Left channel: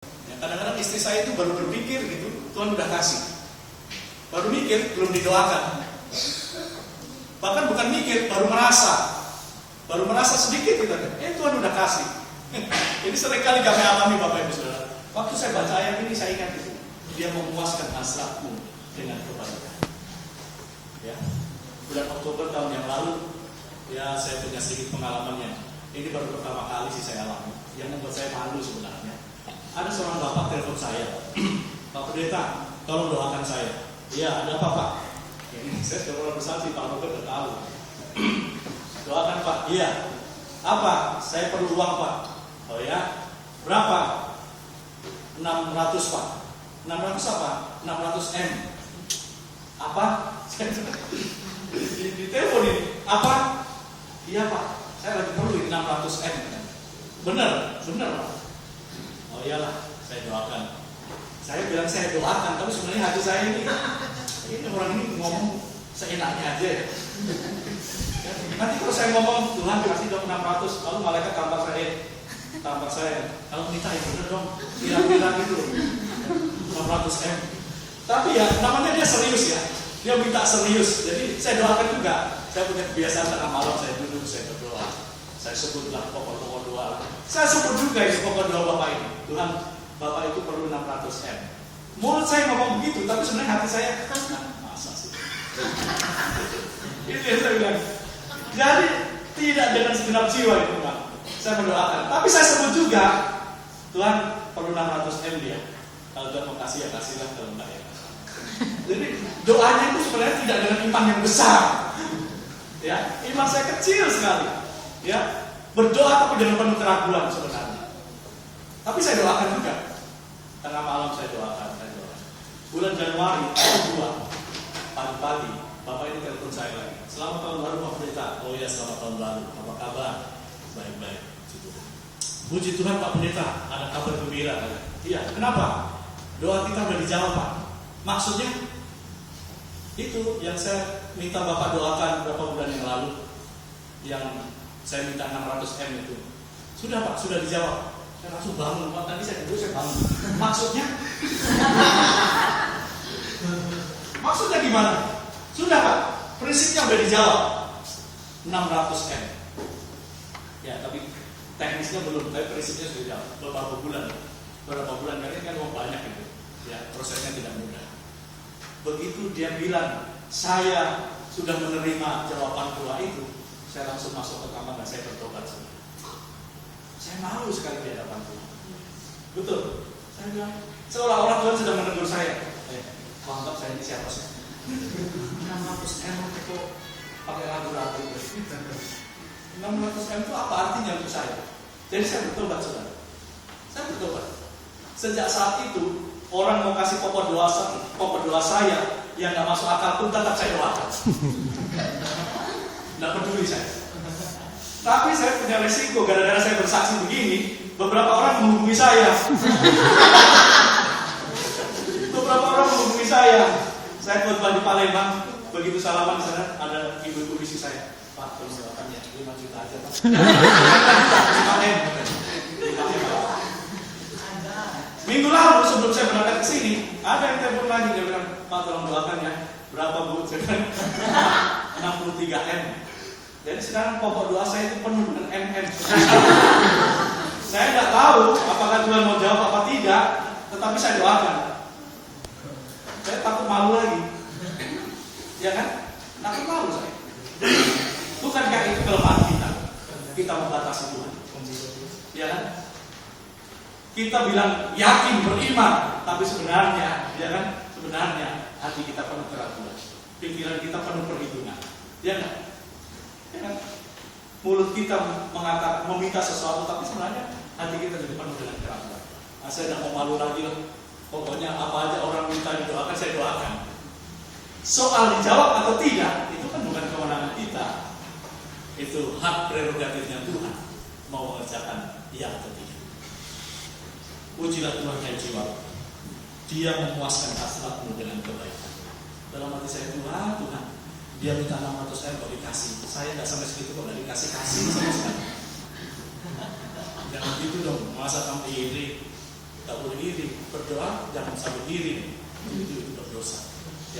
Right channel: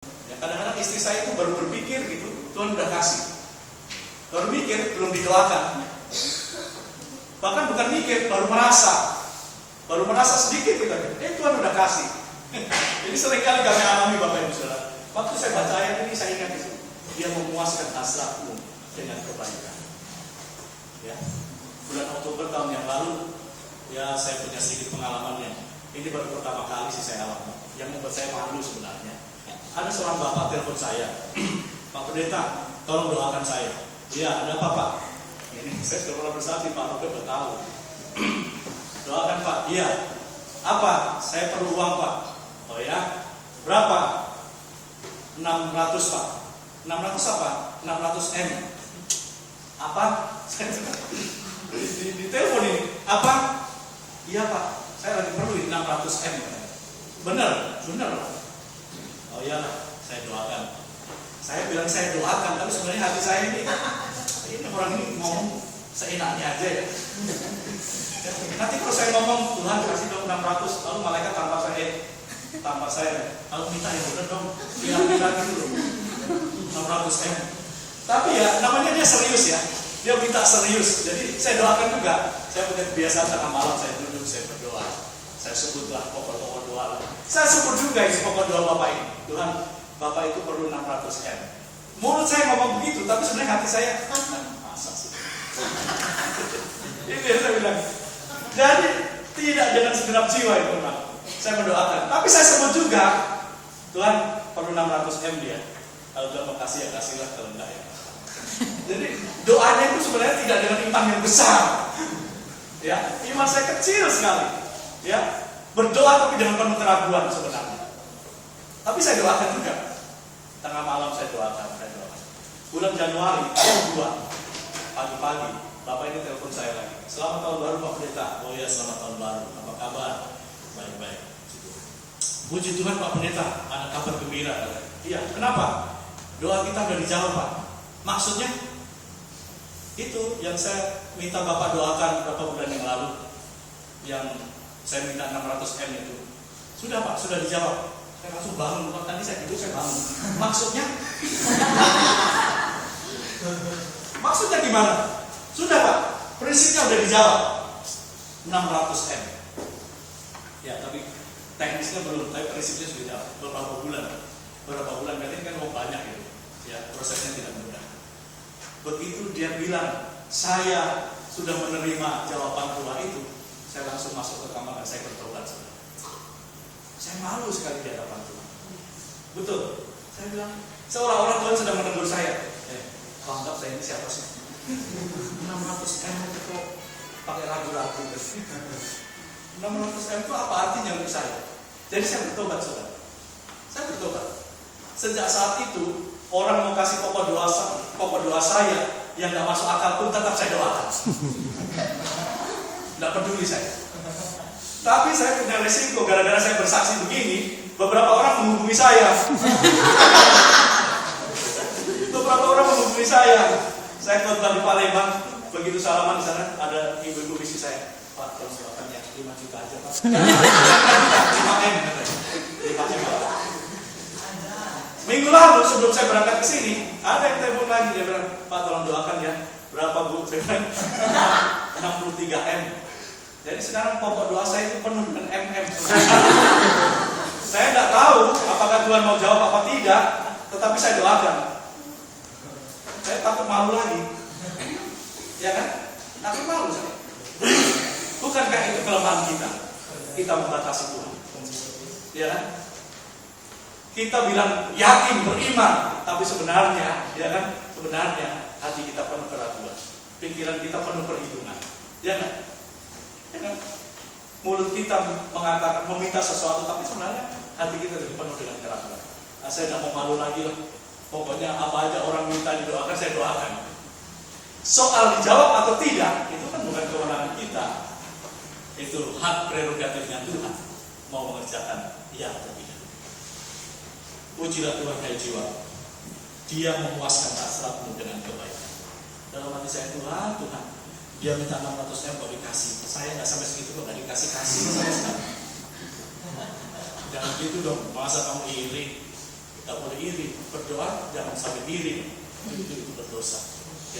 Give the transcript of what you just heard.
Ya, kadang-kadang istri saya itu baru berpikir gitu, Tuhan udah kasih. Baru mikir, belum didoakan. Bahkan bukan mikir, baru merasa. Baru merasa sedikit kita, Tuhan udah kasih. Ini seringkali kami alami Bapak Ibu Saudara. Waktu saya baca ayat ini saya ingat itu. Dia memuaskan hasratmu dengan kebaikan. Ya, bulan Oktober tahun yang lalu, ya saya punya sedikit pengalaman yang ini baru pertama kali sih saya alami, yang membuat saya malu sebenarnya. Ada seorang bapak telepon saya, Pak Pendeta, tolong doakan saya. Iya, ada apa Pak? Ini saya sudah pernah bersaksi, Pak Rodo udah tahu. Doakan Pak. Iya. Apa? Saya perlu uang Pak. Oh ya, berapa? 600 Pak. 600 apa? 600 M. Apa? Di telepon ini. Apa? Iya Pak, saya lagi perlu 600 M. Bener Pak. Oh iyalah, saya doakan. Saya bilang saya doakan, tapi sebenarnya hati saya ini orang ini ngomong seenaknya aja ya. Nanti kalau saya ngomong Tuhan kasih dong 600, lalu malaikat tampar saya. Kalau minta yang bener dong, bilang gitu loh. 600 M. Tapi ya namanya dia serius ya. Dia minta serius. Jadi saya doakan juga. Saya punya kebiasaan tengah malam saya duduk, saya berdoa. Saya sebutlah pokok-pokok doa lah. Saya sebut juga ini pokok doa Bapak ini. Tuhan, Bapak itu perlu 600 M. Mulut saya ngomong begitu, tapi sebenarnya hati saya masa sih. Ini saya bilang. Jadi tidak dengan segenap jiwa itu Pak. Saya mendoakan. Tapi saya sebut juga, Tuhan perlu 600 M dia. Kalau Tuhan mau kasih ya kasihlah, kalau enggak ya. Jadi doanya itu sebenarnya tidak dengan iman yang besar. Ya, iman saya kecil sekali. Ya, berdoa tapi dengan penuh keraguan sebenarnya. Tapi saya doakan juga. Tengah malam saya doakan. Bulan Januari tahun 2 pagi-pagi Bapak ini telepon saya lagi. Selamat tahun baru Pak Pendeta. Oh ya, selamat tahun baru. Apa kabar? Baik-baik. Puji Tuhan Pak Pendeta, ada kabar gembira. Iya, kenapa? Doa kita sudah dijawab Pak. Maksudnya itu yang saya minta Bapak doakan beberapa bulan yang lalu, yang saya minta 600 M itu. Sudah Pak, sudah dijawab. Saya langsung bangun, Pak. Tadi saya tidur, saya bangun. Maksudnya gimana? Sudah Pak, prinsipnya sudah dijawab. 600 M. Ya, tapi teknisnya belum, tapi prinsipnya sudah dijawab. Beberapa bulan kan uang banyak itu. Ya, prosesnya tidak mudah. Begitu dia bilang, saya sudah menerima jawaban doa itu, saya langsung masuk ke kamar dan saya bertobat. Saya malu sekali di hadapan Tuhan. Betul. Saya bilang, seolah-olah Tuhan sedang menegur saya. Kau anggap saya ini siapa sih? 600 M itu pakai ragu-ragu. 600 M itu apa artinya untuk saya? Jadi saya bertobat, saudara. Saya bertobat. Sejak saat itu, orang mau kasih pokok doa saya yang nggak masuk akal pun tetap saya doakan. Nggak peduli saya. Tapi saya punya resiko gara-gara saya bersaksi begini, beberapa orang menghubungi saya. Saya khotbah di Palembang, begitu salaman di sana ada ibu-ibu misi saya. Pak, tolong doakan ya 5 juta aja Pak. 5 M. Minggu lalu sebelum saya berangkat ke sini, ada yang telepon lagi, dia bilang, Pak tolong doakan ya. Berapa Bu? Saya bilang 63 M. Jadi sekarang pokok doa saya itu penuh dengan MM. Saya nggak tahu apakah Tuhan mau jawab apa tidak, tetapi saya doakan. Saya takut malu lagi, ya kan? Takut malu saya. Bukankah itu kelemahan kita? Kita membatasi Tuhan, ya kan? Kita bilang yakin beriman, tapi sebenarnya, ya kan? Sebenarnya hati kita penuh keraguan, pikiran kita penuh perhitungan, ya kan? Ya kan? Mulut kita mengatakan meminta sesuatu, tapi sebenarnya hati kita juga penuh dengan keraguan. Nah, saya tidak mau malu lagi loh. Pokoknya apa aja orang minta didoakan, saya doakan. Soal dijawab atau tidak, itu kan bukan kewenangan kita. Itu hak prerogatifnya Tuhan. Mau mengerjakan ya atau tidak. Pujilah Tuhan hai jiwa. Dia memuaskan hasratmu dengan kebaikan. Dalam hati saya, Tuhan, dia minta 600 M kok dikasih. Saya nggak sampai segitu kok nggak dikasih sama sekali. Jangan gitu dong, masa kamu iri. Tak boleh iri, berdoa jangan sampai iri, itu berdosa.